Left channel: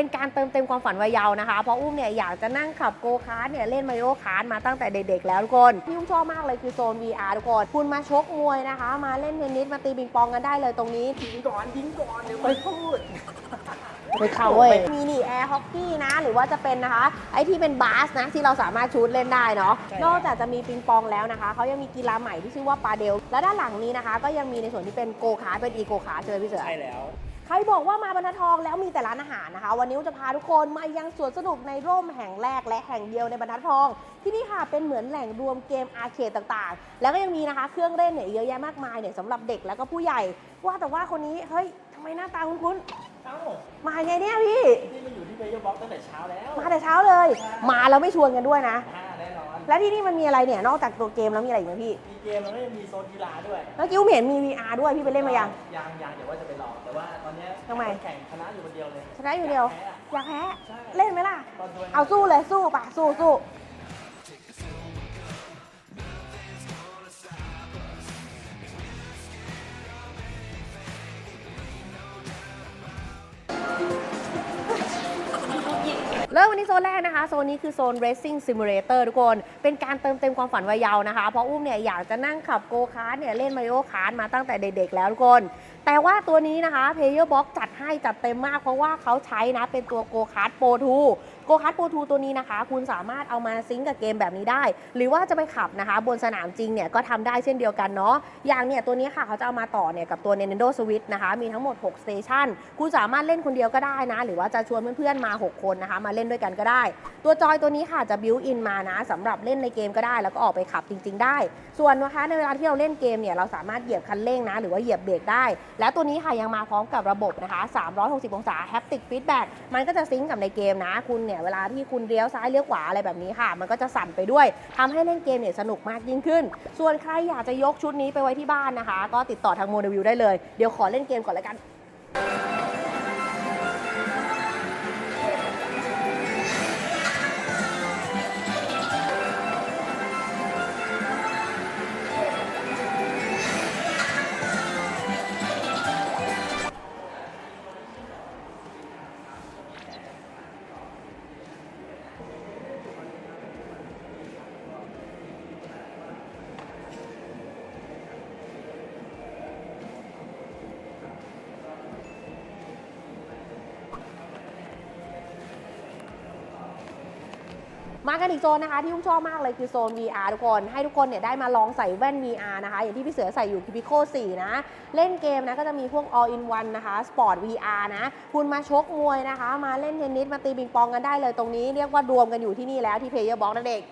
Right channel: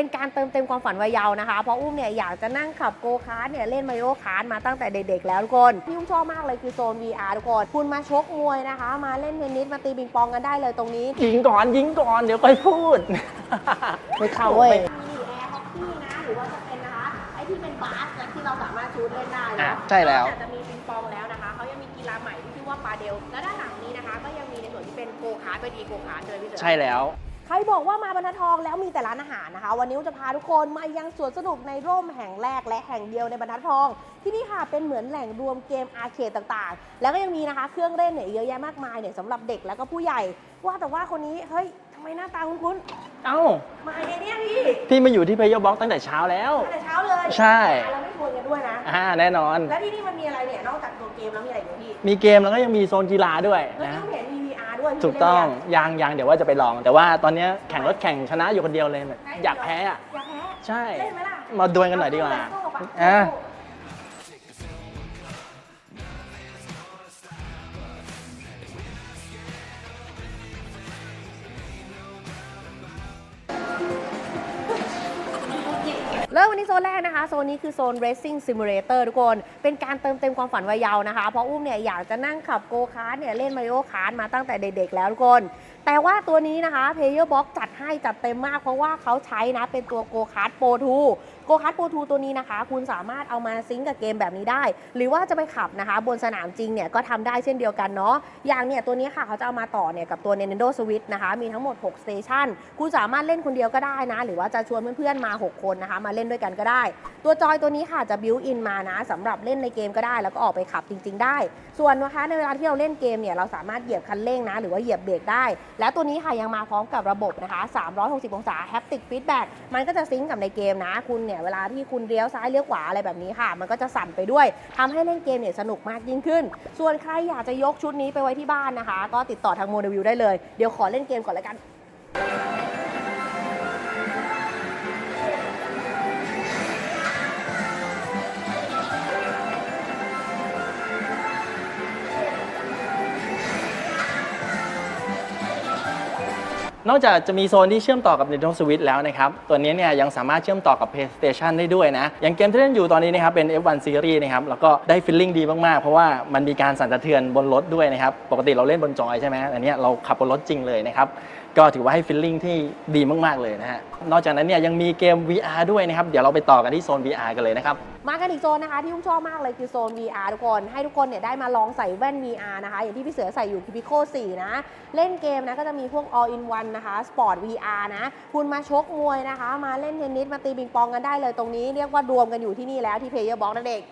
เป็นการเติมเต็มความฝันวัยเยาว์นะคะ เพราะอุ้มเนี่ยอยากจะนั่งขับโกคาร์ทเนี่ยเล่นมาริโอคาร์ทมาตั้งแต่เด็กๆแล้วทุกคนที่อุ้มชอบมากเลยคือโซน VR ทุกคน คุณมาชกมวยนะคะ มาเล่นเทนนิสมาตีปิงปองกันได้เลยตรงนี้ ยิงก่อนยิงก่อนเดี๋ยวค่อยพูด ไม่เข้าเว้ย มีนี่แอร์ฮอกกี้นะ หรือว่าจะเป็นนะคะ ไอที่เป็นบาสนะ ที่เราสามารถชูดเล่นได้เนาะใช่แล้ว นอกจากจะมีปิงปองแล้วนะคะ เขายังมีกีฬาใหม่ที่ชื่อว่าปาเดล แล้วด้านหลังนี้นะคะ ก็ยังมีในส่วนที่เป็นโกคาร์ทเป็นอีโกคาร์ทเลยพี่เสือ ใช่แล้วใครบอกว่ามาบรรทัดทองแล้วมีแต่ร้านอาหารนะคะ วันนี้จะพาทุกคนมายังสวนสนุกในร่มแห่งแรกและแห่งเดียวในบรรทัดทอง ที่นี่ค่ะเป็นเหมือนแหล่งรวมเกมอาร์เคดต่างๆ แล้วก็ยังมีนะคะเครื่องเล่นเนี่ยเยอะแยะมากมายเนี่ยสำหรับเด็กแล้วก็ผู้ใหญ่ ว่าแต่ว่าคนนี้เฮ้ยทำไมหน้าตาคุ้นเอ้าๆมาไงเนี่ยพี่พี่มาอยู่ที่เพย์บ็อกตั้งแต่เช้าแล้ว มาแต่เช้าเลย ใช่ มาแล้วไม่ชวนกันด้วยนะ อ่าแน่นอน แล้วที่นี่มันมีอะไรเนี่ยนอกจากตัวเกมแล้วมีอะไรอีกไหมพี่มีเกมแล้วก็ยังมีโซนกีฬาด้วย เมื่อกี้ผมเห็นมี VR ด้วยพี่ถูกไปเล่นต้หอรืงยังยังยังเดี๋ยวว่าจะไปลอง แต่ว่าตอนเนี้ยทำไมแข่งรถแข่งชนะอยู่คนเดียวเลยได้อยากเดีวแพ้อะ อยากแพ้ใช่ เล่นไหมล่ะมาดวลกันหเอาน่อยดีสู้กว่าเลยสู้ปะสู้อะสู้เริ่มวันนี้โซนแรกนะคะ โซนนี้คือโซน Racing Simulator ทุกคน เป็นการเติมเต็มความฝันวัยเยาว์นะคะ เพราะอุ้มเนี่ยอยากจะนั่งขับโกคาร์ทเนี่ยเล่นมาริโอคาร์ทมาตั้งแต่เด็กๆแล้วทุกคน แต่ว่าตัวนี้นะคะ Player Box จัดให้จัดเต็มมาก เพราะว่าเขาใช้นะเป็นตัวโกคาร์ทโปร2โกคาร์ทโปร2ตัวนี้นะคะ คุณสามารถเอามาซิงกับเกมแบบนี้ได้ หรือว่าจะไปขับนะคะ บนสนามจริงเนี่ยก็ทำได้เช่นเดียวกันเนาะอย่างเนี่ยตัวนี้ค่ะเขาจะเอามาต่อเนี่ยกับตัว Nintendo Switch นะคะมีทั้งหมด6 Station คุณสามารถเล่นคนเดียวก็ได้นะ หรือว่าจะชวนเพื่อนๆมา 6 คนนะคะมาเล่นด้วยกันก็ได้ ตัวจอยตัวนี้ค่ะจะบิวอินมานะสำหรับเลล่นในเกมก็ได้ แล้วก็ออกไปขับจริง ๆ ได้ ส่วนนะคะในเวลาที่เราเล่นเกมเนี่ยเราสามารถเหยียบคันเร่งนะหรือว่าเหยียบเบรกได้ แล้วตัวนี้ค่ะยังมาพร้อมกับระบบนะคะ360 องศา Haptic Feedback มันก็จะซิงกับในเกมนะ คุณเนี่ยเวลาที่คุณเลี้ยวซ้ายเลี้ยวขวาอะไรแบบนี้ค่ะ มันก็จะสั่นไปด้วยทำให้เล่นเกมเนี่ยสนุกมากยิ่งขึ้น ส่วนใครอยากจะยกชุดนี้ไปไว้ที่บ้านนะคะ ก็ติดต่อทางโมเดลวิวได้เลยเดี๋ยวขอเล่นเกมก่อนล้วกัน นอกจากจะมีโซนที่เชื่อมต่อกับ Nintendo Switch แล้วนะครับ ตัวนี้เนี่ยยังสามารถเชื่อมต่อกับ PlayStation ได้ด้วยนะ อย่างเกมที่เล่นอยู่ตอนนี้นะครับเป็น F1 Series นะครับ แล้วก็ได้ฟีลลิ่งดีมาก ๆ เพราะว่ามันมีการสั่นสะเทือนบนรถด้วยนะครับ ปกติเราเล่นบนจอยใช่ไหมอันนี้เราขับบนรถจริงเลยนะครับ ก็ถือว่าให้ฟีลลิ่งที่ดีมาก ๆ เลยนะฮะ นอกจากนั้นเนี่ยยังมีเกม VR ด้วยนะครับ เดี๋ยวเราไปต่อกันที่โซน VR กันเลยนะครับ มากันอีกโซนนะคะที่อุ้มชอบมากเลยคือโซน VR ทุกคน ให้ทุกคนเนี่ยได้มาลองใส่แว่น VR นะคะ อย่างที่พี่เสือใส่อยู่คือ Pico 4นะ เล่นเกมนะก็จะมีพวก all in one นะคะ Sport VR นะ คุณมาชกมวยนะคะ มาเล่นเทนนิสมาตีปิงปองกันได้เลยตรงนี้ เรียกว่ารวมกันอยู่ที่นี่แล้วที่ Player Box นั่นเอง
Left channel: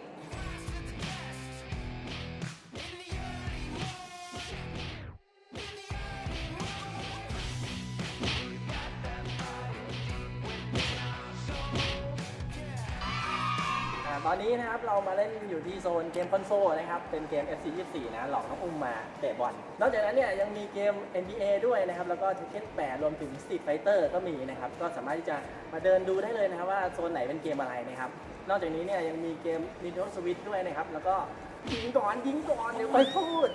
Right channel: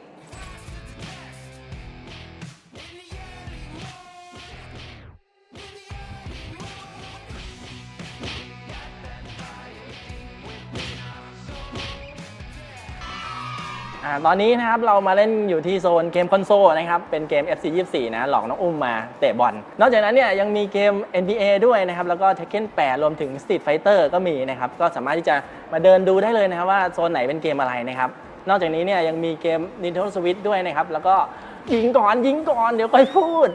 อ่าตอนนี้นะครับเรามาเล่นอยู่ที่โซนเกมคอนโซลนะครับ เป็นเกม FC 24 นะ หลอกน้องอุ้มมาเตะบอล นอกจากนั้นเนี่ยยังมีเกม NBA ด้วยนะครับ แล้วก็ Tekken 8 รวมถึง Street Fighter ก็มีนะครับ ก็สามารถที่จะมาเดินดูได้เลยนะครับว่าโซนไหนเป็นเกมอะไรนะครับ นอกจากนี้เนี่ยยังมีเกม Nintendo Switch ด้วยนะครับ แล้วก็ยิงก่อนยิงก่อนเดี๋ยวค่อยพูด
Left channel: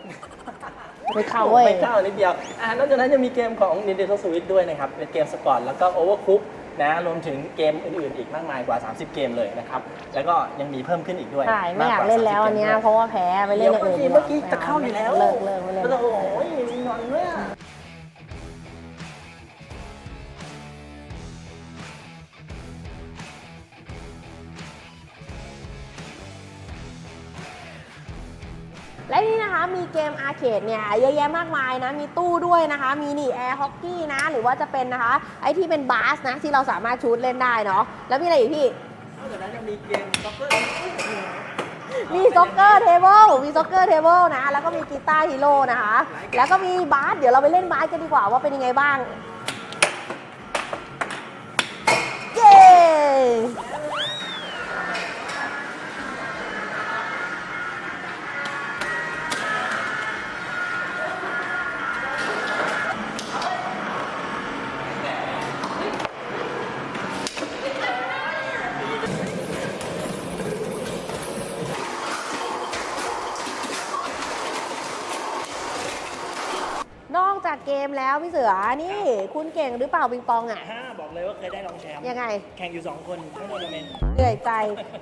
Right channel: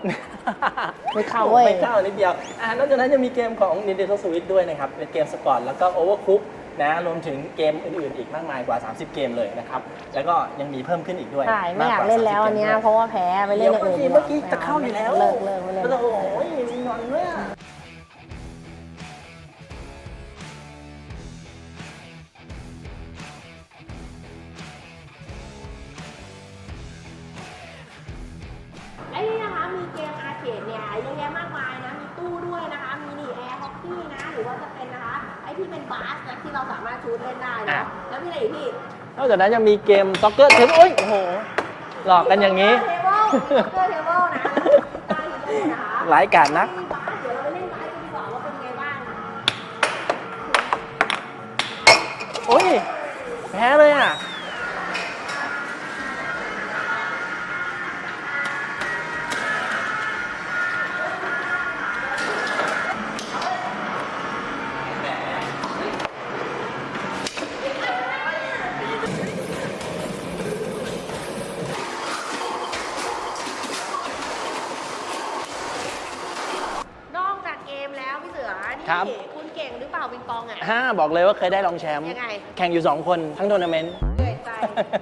ไม่เข้าเว้ย ไม่เข้านิดเดียวอ่านอกจากนั้นยังมีเกมของ Nintendo Switch ด้วยนะครับ เป็นเกมสปอร์ตแล้วก็ Overcook นะรวมถึงเกมอื่นๆอีกมากมายกว่า 30 เกมเลยนะครับ แล้วก็ยังมีเพิ่มขึ้นอีกด้วยใช่ไม่อยากกเล่นแล้วอันเนี้ย30เพราะว่าแพ้ไปเล่เดี๋นยวอย่างเมื่ออื่กี้นเมื่อกี้จะเข้าอยู่แล้วเลิกเลิกไม่เล่น โอ้โหมีงอนด้วยอะ และนี่นะคะมีเกมอาร์เคดเนี่ยเยอะแยะมากมายนะ มีตู้ด้วยนะคะ มีนี่แอร์ฮอกกี้นะ หรือว่าจะเป็นนะคะไอที่เป็นบาสนะที่เราสามารถชูดเล่นได้เนาะ แล้วมีอะไรอีกพี่ นอกจากนั้นยังมีเกมซ็อกเกอร์เทนโอ้ยโอ้โหหลอกกันอย่างนี้นี้ มีซ็อกเกอร์เทเบิลมีซ็อกเกอร์เทเบิลนะ แล้วก็มีกีตาร์ฮีโร่นะคะหลายการนะ แล้วก็มีบาส เดี๋ยวเราไปเล่นบาสกันดีกว่าว่าเป็นยังไงบ้าง เย้ แพ้เลยอะ นอกจากเกมแล้วพี่เสือนี่ครับ คุณเก่งหรือเปล่าปิงปองอะ ห้าบอกเลยว่าเคยได้รองแชมป์ยังไง แข่งอยู่ 2 คนทั้งทัวร์นาเมนต์ เหนื่อยใจ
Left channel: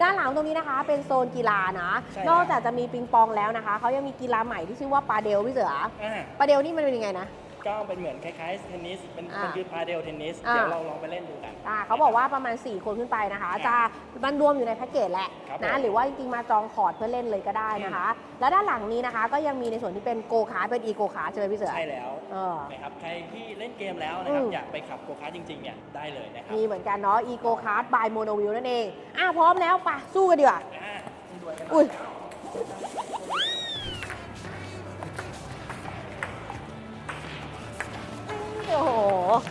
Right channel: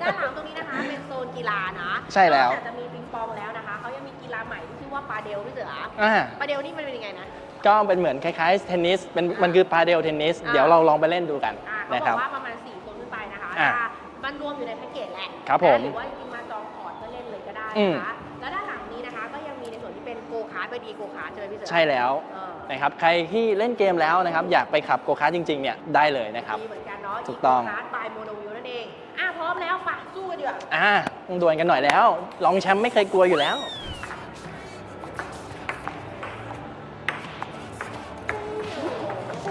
ด้านหลังตรงนี้นะคะเป็นโซนกีฬานะใช่แล้ว นอกจากจะมีปิงปองแล้วนะคะ เขายังมีกีฬาใหม่ที่ชื่อว่าปาเดลพี่เสืออ่า ปาเดลนี่มันเป็นยังไงนะ ก็เป็นเหมือนคล้ายๆเทนนิสเป็นอ่ามัมันคือพาเดลเทนนิสอ่า เดี๋ยวเราลองไปเล่นดูกันอ่าเขานะบคอรั กว่าประมาณ 4 คนขึ้นไปนะคะอ่าถ้ามันรวมอยู่ในแพ็กเกจแหละครับนะผมหรือว่าจริงๆ มาจองคอร์ดเพื่อเล่นเลยก็ได้นะคะ แล้วด้านหลังนี้นะคะ ก็ยังมีในส่วนที่เป็นโกคาร์ทเป็นอีโกคาร์ทใช่ไหมพี่เสือใช่แล้ว เออ นะครับใครที่เล่นเกมแล้วนะครับ อืม อยากไปขับโกคาร์ทจริงๆเนี่ยได้เลยนะครับ มีเหมือนกันเนาะถูอีกโกต้อง คาร์ทบายโมโนวิวนั่นเองอะพร้อมแล้วไปะสู้กันดีกว่า อ่าต้องดวลกันหน่อยแล้ว รองแชมป์ไม่เคยกลัวอยู่แล้ว เ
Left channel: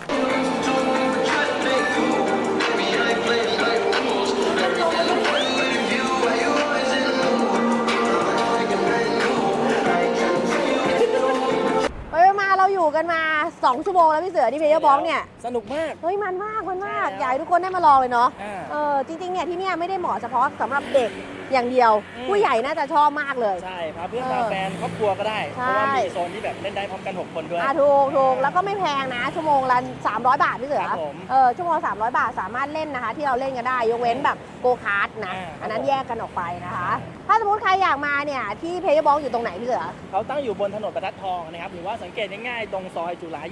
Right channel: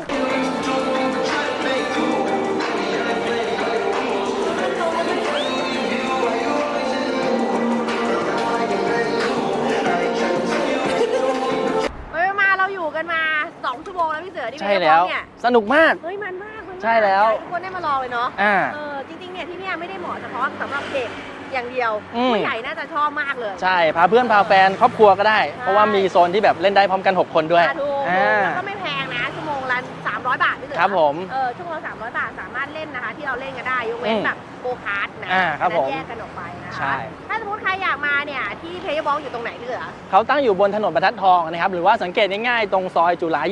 ฮ้ยมาเราอยู่กันมา 2 ชั่วโมงแล้วพี่เสือที่เบใช่ลบอแล้ลวเนี่ย สนุกมาก เฮ้ยมันมากมันมากใช่แล้ว อยากให้ทุกคนได้มาลองเลยเนาะ อ่า เออจริงๆเนี่ยที่เนี่ยไม่ได้เหมาะเฉพาะสำหรับเด็ก อย่างเดียว อืม ผู้ใหญ่น่าจะชอบมากเลย ใช่ พาเพื่อนพาแฟนครอบครัวก็ได้ ใช่ เพราะว่ามีโซนที่แบบเล่นได้พร้อมกัน 6 คนด้วยอะถูกถูกอ่า แล้วก็ไม่แพงนะ ชั่วโมงละ300 บาทพี่เสือครับผมเออชั่วโมงละ300 บาทสามารถเล่นนะคะ ที่เราเล่นกันได้ ยกเว้นอืมแบบโกคาร์ดนะอ่าครับอันนั้นผมแยกกันออกไปนะใช่ คะ ถ้าสมมติใครอยากมาเนี่ยที่เพย์บอลอยู่ตรงไหนพี่เสือ เขาตั้งอยู่บนถนนบรรทัดทองนะครับหรือว่าสังเกตง่ายๆตรงซอยจุฬาอ่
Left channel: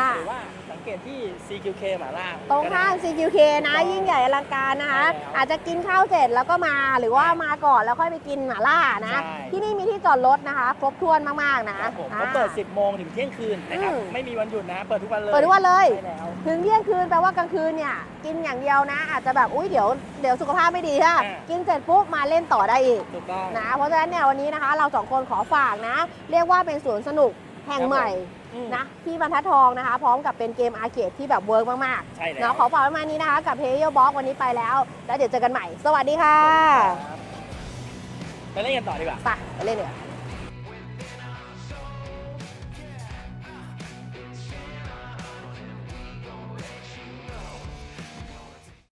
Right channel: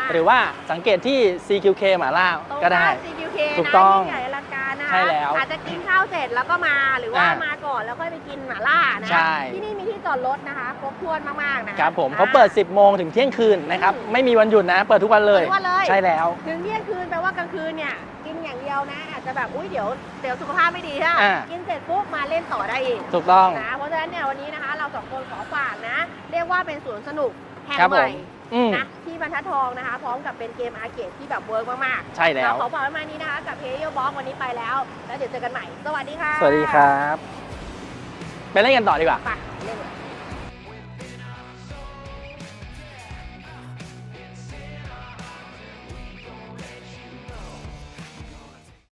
า 28 หรือว่าสังเกตที่ CQK หมาล่าตรงก็ได้ข้าง CQK ถูกนะต้องยิ่งใหญ่อลังการนะใช่คะแล้วอาจจะกินข้าวเสร็จแล้วก็มาหรือว่าอะมาก่อนแล้วค่อยไปกินหม่าล่านะใช่ ที่นี่มีที่จอดรถนะคะ ครบถ้วนมากๆนะคะครับผมอ่เขาเปิด10 โมงถึงเที่ยงคืนนะครับ อืมไม่มีวันหยุดนะ เปิดทุกวันเลยเปิดทุกวันเลย ใช่แล้ว ถึงเที่ยงคืนแปลว่ากลางคืนเนี่ยกินอย่างเดียวนะ อาจจะแบบอุ้ยเดี๋ยวเดี๋ยวสุขภาพไม่ดีฮะอ่ากินเสร็จปุ๊บมาเล่นต่อได้อีก ถูกต้อง นะเพราะฉะนั้นเนี่ยวันนี้นะคะเราสองคนขอฝากนะ เรียกว่าเป็นสวนสนุกแห่งครับใหผมม่ อืม นะที่บรรทัดทองนะคะ พร้อมกับเป็นเกมอาร์เคดที่แบบเวิร์กมากๆใช่แล้ว นะขอฝากไว้ประมาณนี้นะคะ กับเพย์ b บ็อกวันนี้ไปแล้ว แล้วเดี๋ยวเจอกันใหม่ สวัสดีค่ะสวัสดีครับ ไปเล่นกันต่อดีกว่า ไปไปเล่นเลย